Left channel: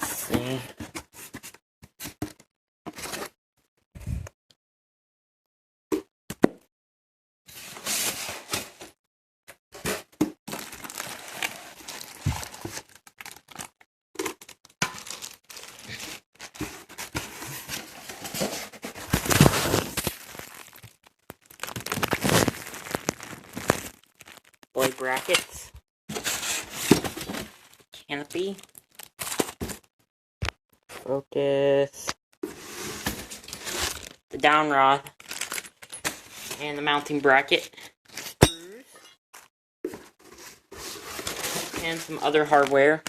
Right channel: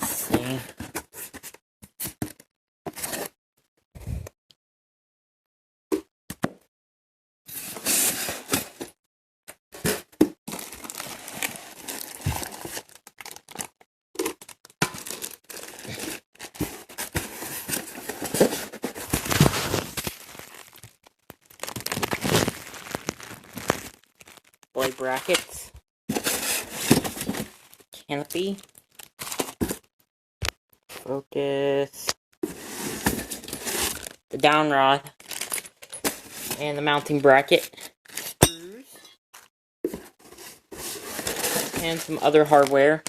Let's see. Blade brackets, canopy, focus, the down rod, and the mounting bracket, screws, and some other hardware.